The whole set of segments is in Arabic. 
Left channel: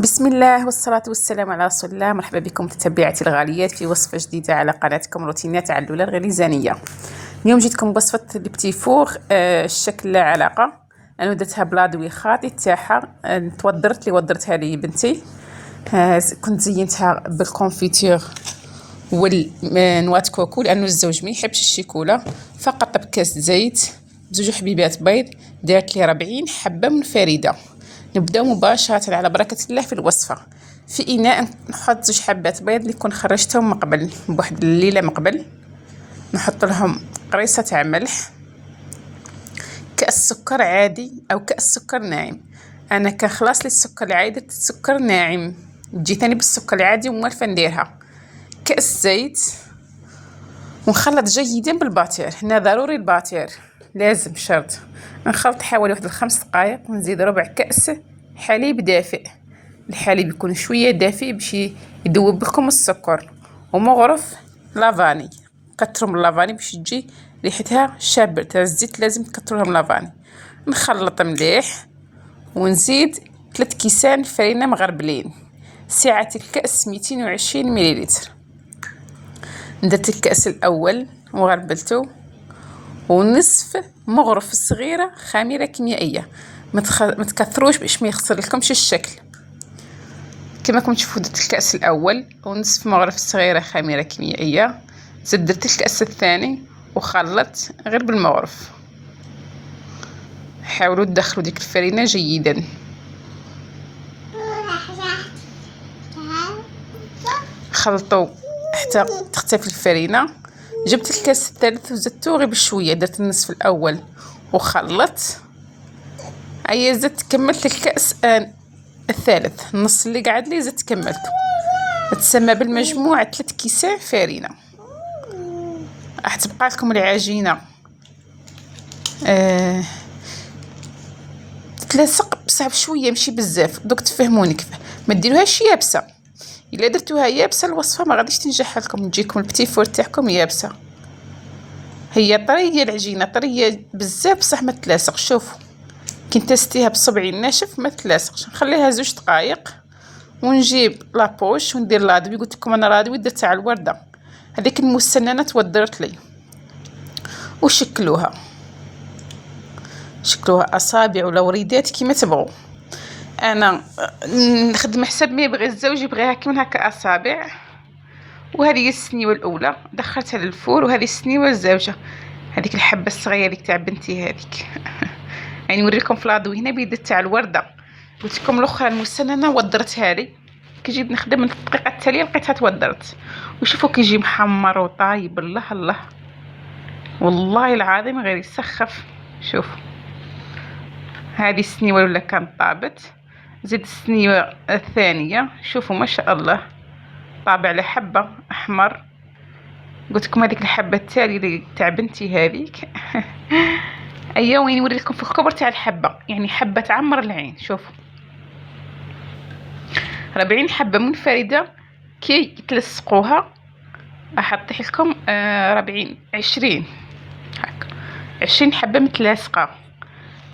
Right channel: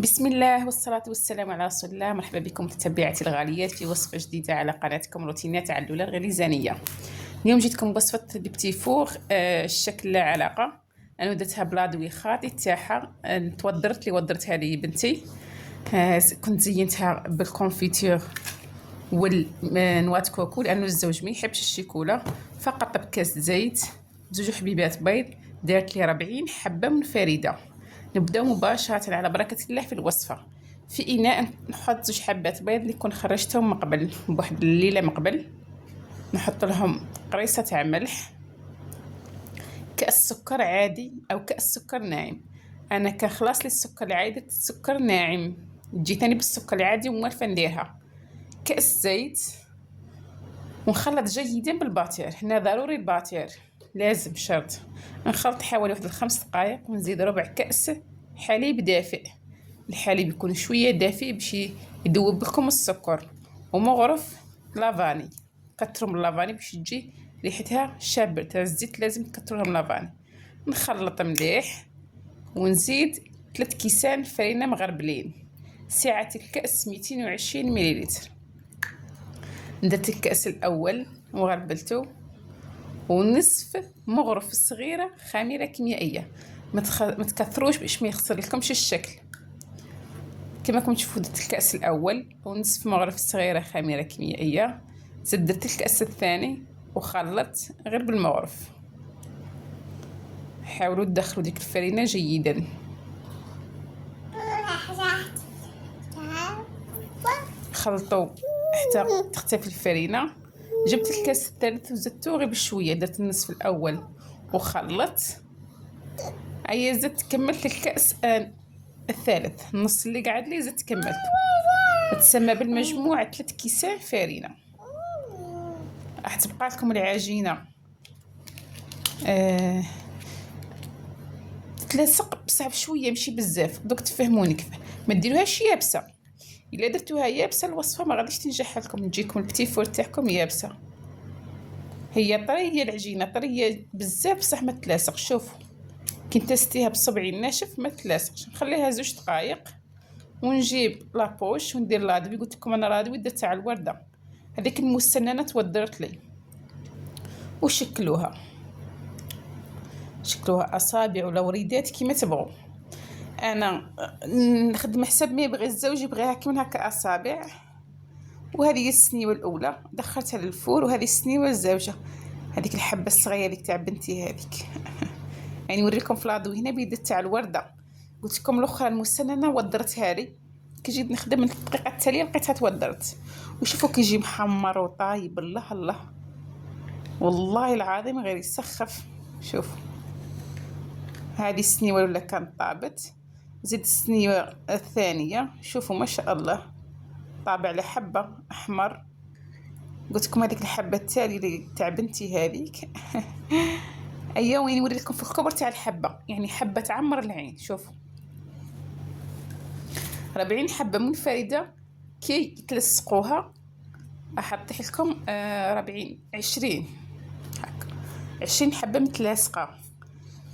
بسم الله والصلاة والسلام على رسول الله. مرحبا بكم متتبعاتي الغاليات في وصفة جديدة على قناتكم روتينات علولة الغليزانية. اليوم جيتكم بوصفة البتي فور الشكل لا علاقة. انا درتها بلاضوي خاطي تاعها، وضرتها لي بنتي. كنت زينتها بالكونفيتور والنواة كوكو لانه الزوج ما يحبش الشيكولا، فقط بكاس زيت بزوج حبيبات بيض. دارت لي 40 حبة منفردة. نبداو مباشرة على بركة الله في الوصفة. في إناء نحط 2 حبات بيض اللي كون خرجتهم من قبل بواحد الليلة من قبل. نحط لهم قريصة تاع ملح، كأس سكر عادي أو كأس سكر ناعم. أنا كان خلاص لي السكر العادي درت سكر ناعم، جيتني بالسكر العادي وموالفة نديرها. كأس زيت، ونخلط جيدا بالباتير. هنا ضروري الباتير لازم شرط. نخلط حوالي واحد 5 دقائق ونزيد ربع كأس حليب دافئ. الحليب يكون شويه دافئ باش يذوب لكم السكر، ومغرف لافاني. كتروا من لافاني باش تجي ريحتها شابه. تاع الزيت لازم تكتروا لهم لافاني. نخلط مليح ونزيد 3 كيسان فرينه مغربلين. سعه الكأس 220 مليلتر. درت الكأس الاول وغربلته، ونصف مغرف صغيره خميره كيميائيه. ما تكثروش باش ما يخسر لكمش الشكل. كما راكم تشوفوا درت الكأس الاول ونصف مغرف صغيره خميره كيميائيه. زدت درت الكأس الثاني وخلطت غير بالمغرف. حاولوا تدخلوا ديك الفرينه جيدا. خلطوا حتى تختفي الفرينه. جبت الكأس الثالث وزدته غير بشويه، درت النصف الاول وخلطت. زدت كملت الكأس الثالث، النص اللي قعد لي زدت كملته. تسمى بالمجموع 3 كيسان فرينه. راح تبقى لكم العجينه تتلصق بصح بشويه ماشي بزاف. دوك تفهموني كيف. ما ديروهاش يابسه. الا درتوها يابسه الوصفه ما غاديش تنجح لكم، تجيكم البتي فور تاعكم يابسه. هي طريه العجينه، طريه بزاف بصح ما تلاصق. شوفوا كي نتستيها بصبعي الناشف ما تلاصقش. نخليها 2 دقائق ونجيب لابوش وندير لاضوي. قلت لكم انا لاضوي درت على الورده، هذيك المسننه تودرت لي. وشكلوها اصابع ولا وريدات كيما تبغوا. انا نخدم حسب ما يبغي الزوج، يبغيها كيما هكا اصابع. وهذه هي السنيوه الاولى دخلتها للفور، وهذه السنيوه الزوجه. هذيك الحبه الصغيره ديك تاع بنتي هذيك. يعني نوريكم في لاضوي هنا بيدت تاع الورده. قلت لكم الاخرى المسننه ودرتها لي. كي جيت نخدم الدقيقه التاليه لقيتها تودرت. وشوفوا كيجي محمر وطايب. الله الله والله العظيم غير يسخف. شوفوا هذه السنيوه ولا كانت طابت. زيد السنيوه الثانيه. شوفوا ما شاء الله طابع على حبه احمر. قلت لكم هذيك الحبه التاليه تاع بنتي هذيك. وين نوري لكم في الكبر تاع الحبه، يعني حبه تعمر العين. شوفوا 40 حبه منفرده كي تلصقوها. احط لكم 20 هكا، 20 حبه متلاصقه.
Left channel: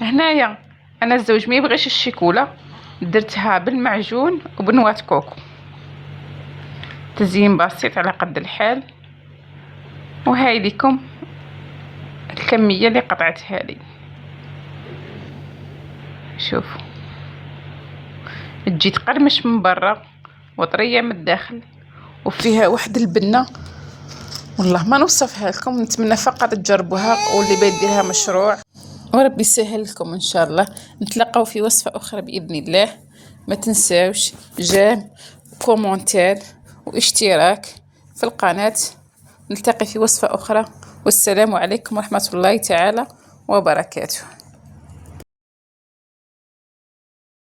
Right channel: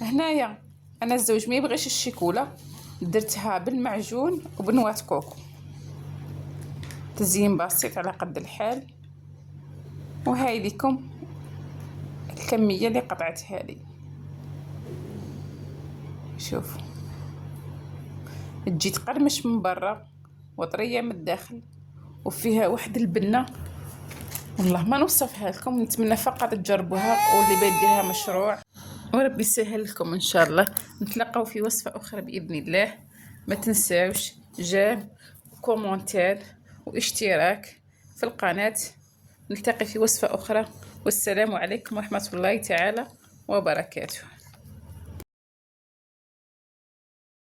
هنايا انا الزوج ما يبغيش الشيكولا، درتها بالمعجون وبنواه كوكو. تزيين بسيط على قد الحال. وهاي لكم الكميه اللي قطعتها لي. شوفوا تجي تقرمش من برا وطريه من الداخل، وفيها واحد البنه والله ما نوصفها لكم. نتمنى فقط تجربوها، واللي بيديرها مشروع وربي يسهل لكم ان شاء الله. نتلاقاو في وصفه اخرى باذن الله. ما تنساوش جيم وكومونتير واشتراك في القناه. نلتقي في وصفه اخرى، والسلام عليكم ورحمه الله تعالى وبركاته.